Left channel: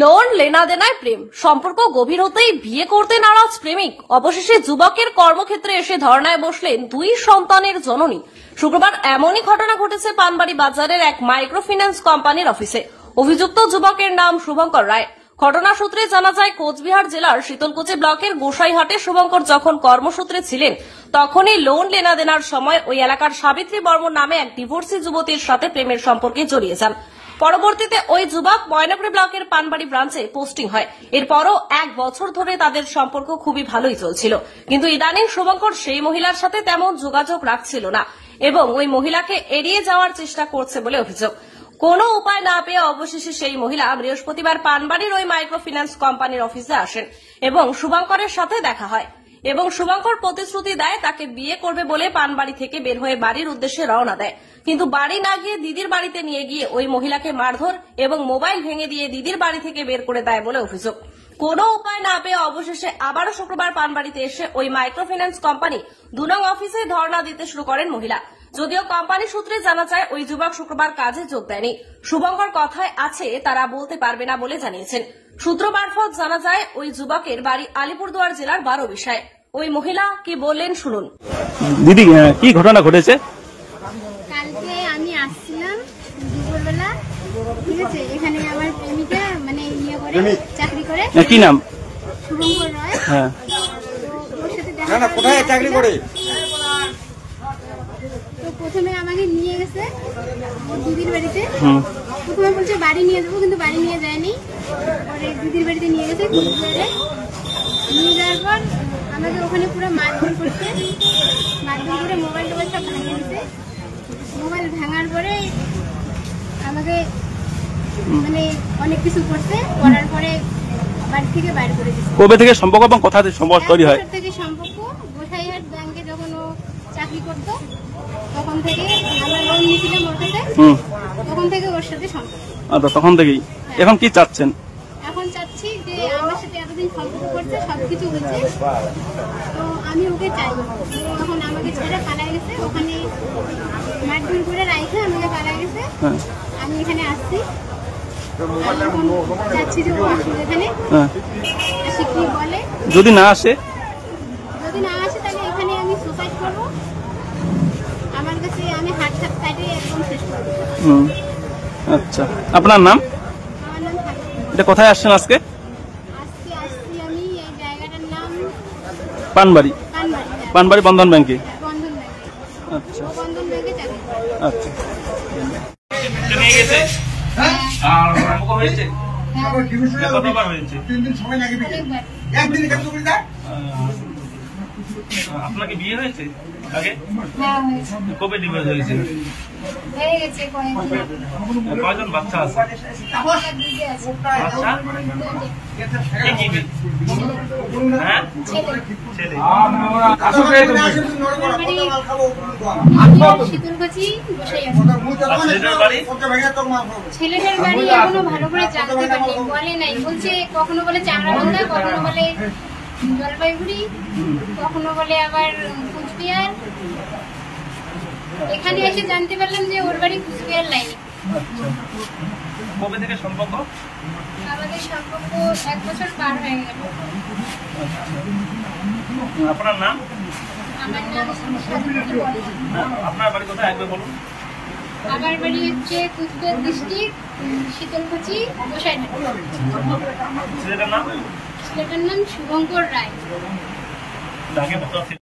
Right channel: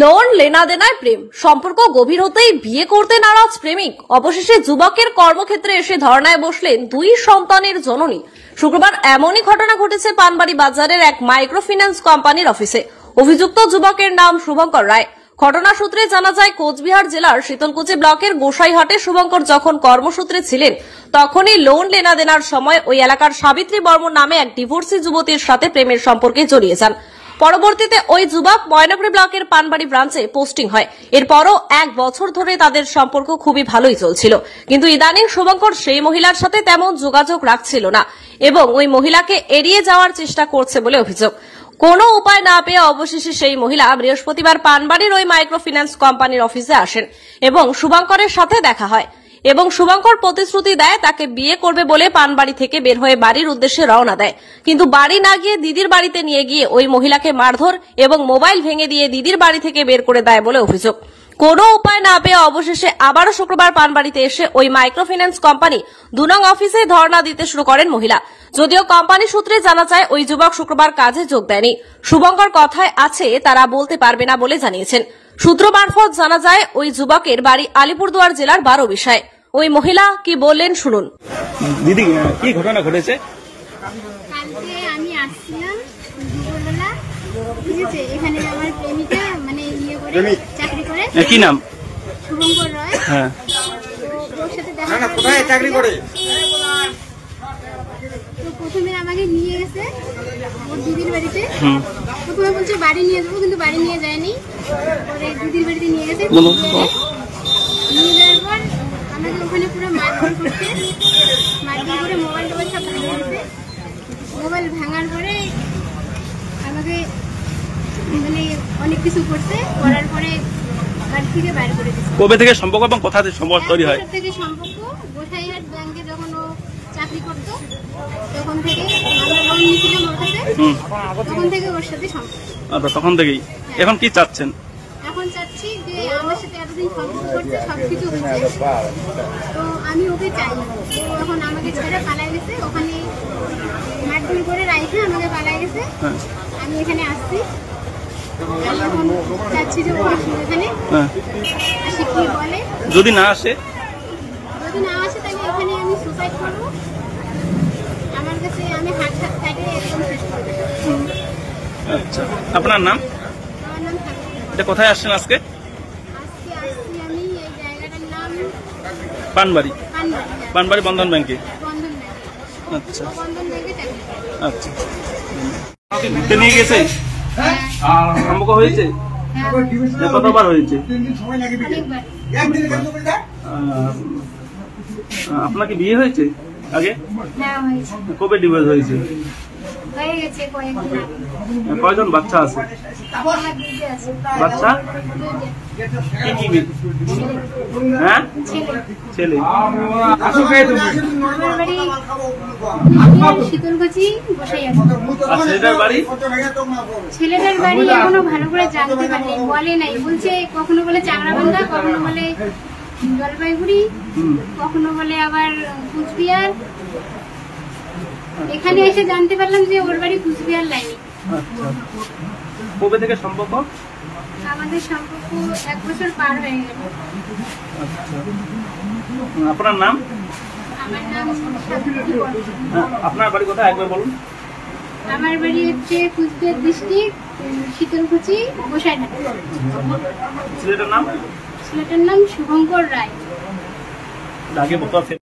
Loan লেনাদেনায় প্রেম সম্পর্ক গভীর হতেই বিয়ে করতে নারাজ প্রেমিক। অবশেষে যুবকের কর্মক্ষেত্রে এসে ধর্নায় বসলেন দুই সন্তানের জননী। শুক্রবার এমনই ঘটনা ঘটেছে পানবাড়ি বাজারের এক মাইক্রো ফিন্যান্স কোম্পানির অফিসে। অভিযুক্ত যুবকের নাম শুভঙ্কর রায়। ঘটনা সূত্রে জানা যায়, কোচবিহার জেলার শীতলকুচি ব্লকের গোসাইহাটে শুভঙ্কর যখন কর্মসূত্রে ছিলেন, তখনই লোন লেনাদেনার সময় ওই এলাকার সাবিত্রী বর্মন নামে এক ডিভোর্সি যুবতীর সাথে প্রেমের সম্পর্কে জড়িয়ে যান। পরবর্তীতে ওই যুবক ময়নাগুড়ি ব্লকের পানবাড়ি ব্রাঞ্চে পোস্টিং হয়। এরপরও 1 বছর ধরে তাদের সম্পর্ক খুবই ভালোই চলছিল, কিন্তু ইদানিং শুভঙ্কর সেই মহিলার সাথে তেমন যোগাযোগ রাখছিল না এবং ওই মহিলাকে এড়িয়ে যাওয়ার চেষ্টা করছে বলে অভিযোগ। কোনো উপায় না পেয়ে অবশেষে সেই মহিলা বৃহস্পতিবার পানবাড়ির ওই মাইক্রো ফিন্যান্স কোম্পানির অফিসে আসেন এবং শুভঙ্করের সাথে দেখা হয় এবং শুভঙ্কর প্রতিশ্রুতি দেয় তাকে বিয়ে করবে বলে পানবাড়ি থেকে বের হয়ে বাড়ির উদ্দেশ্যে রওনা দেয়। কিন্তু বাড়ি না গিয়ে দিদির বাড়িতে নিয়ে গিয়ে ওই মহিলাকে মারধর এবং মোবাইল ভেঙে দিয়ে দিদির বাড়ি থেকে বের করে দেয় বলে অভিযোগ। কোনো উপায় না পেয়ে অবশেষে আবারও শুক্রবার পানবাড়িতে এসে ওই মাইক্রো ফিন্যান্স কোম্পানি 2 নং অফিসে ধর্ণা দিতে শুরু করেন মহিলা। যদিও কোম্পানি সূত্রে জানা যায়, ওই যুবক শুক্রবার কাজে যোগ দেয়নি। শুভঙ্কর কথায় আছে তারা বলতে পারবে না বলে জানিয়েছেন। সূত্র মারফত জানা যায়, ওই যুবকের বাড়ি আলিপুরদুয়ার জেলার 12 বিষয়। ওই মহিলা কি বললেন শুনুন। দিদি, কি ঘটনা ঘটেছে? কালকে আমি আসছিলাম দুপুরবেলা, ঠিক আছে, এখানে আমার প্রেমিকা মানে ইয়ে করে চাকরি করে। কি নাম? শুভঙ্কর রায়। হ্যাঁ, ওর সাথে দেখা কোথায় চাকরি করে। তো প্রথমে আমাকে নিয়ে গেছে ওর দিদির বাড়িতে। প্রথমে বলছে বাড়ি নিয়ে যাবো, কিন্তু বাড়ি নিয়ে যায়নি। পরে দিদির বাড়িতে নিয়ে গেছে। নিয়ে যাওয়ার পর আমাদের ওখানে পুরো মারধর করছে। মারধর করে মোবাইল টোবাইল সব ভাঙে গেছে। মোবাইল ভাঙার পরে আমাকে মানে অনেক কিছু করছে। করার পরে বাড়ি থেকে বাইরে করে দিচ্ছে। কবে থেকে সম্পর্ক এবং কোথা থেকে সম্পর্ক তৈরি হয়? থেকে সম্পর্ক গোসাইহাট ব্যাংকে যখন ও চাকরি করতো তখন থেকে আমরা লোন নিয়েছিলাম ওর কাছে। তখন থেকে ওর সাথে সম্পর্ক। আচ্ছা, তখন থেকেই। এখন কি চাচ্ছেন? এখন চাচ্ছি যে আমার সাথে এতদিন সম্পর্ক করছে, সবকিছু হয়েছে, তো আমি ওকে চাই। তখন আমাকে ছেড়ে পালাই গেছে, ওখানে মারধর করে রাইছে আমাকে পালাই গেছে। আমি এখানে আসছি, আমি এখন চাচ্ছি যে ও আসুক এখানে। আসি কি বলে, যদি না আসে তাহলে এখানে আমি সুসাইড করবো। আমার কাছে আমি হাত কাটে একদম শেষ করবো। আচ্ছা, আপনার নাম? আমার নাম থাকে। এটা কোথায় আসছেন আজকে? আজকে আসছি আমি এই জায়গাটার নাম পানবাড়ি। পানবাড়ি। পানবাড়ি বন্ধন ব্যাংকে। বন্ধন ব্যাংক। আচ্ছা বন্ধন ব্যাংকে চাকরি করে। আচ্ছা, তো নিয়ে গেছে সম্পর্ক হয়েছে? কতবার হয়েছে? অনেকবার। আপনাকে বিয়ে হয়েছে আগে? হ্যাঁ, হয়েছে। কবে ডিভোর্স হয়েছে? হয়ে গেছে কয়েকদিন। কয়জন বাচ্চা আছে? আমার দিদি আছে। বাচ্চা কি কি? হ্যাঁ, ছেলে। শীতলকুচি ছেলেটার বাড়ি এখনো ভালো করে জানতে পারিনি, বলে নাই। বলছে কখনো বলে চাংরাবান্ধা, কখনো বলে জলপাইগুড়ি, কখনো বলে আবার কুচবিহার। এখানে এসে জানতে পারলাম যে ওর বাড়ি কুচবিহার লাইনে। কবে থেকে সম্পর্ক? আমাদের সম্পর্ক 1 বছর পার হয়ে গেল। আপনার নাম? আমার নাম সাবিত্রী বর্মন। আপনার বাড়ি কোথায় একবার বলুন। আমার বাড়ি হচ্ছে কুচবিহার ডিস্ট্রিক্ট, শীতলকুচি, গোসাইহাট। ছেলেটার নাম? ছেলেটার নাম শুভঙ্কর রায়।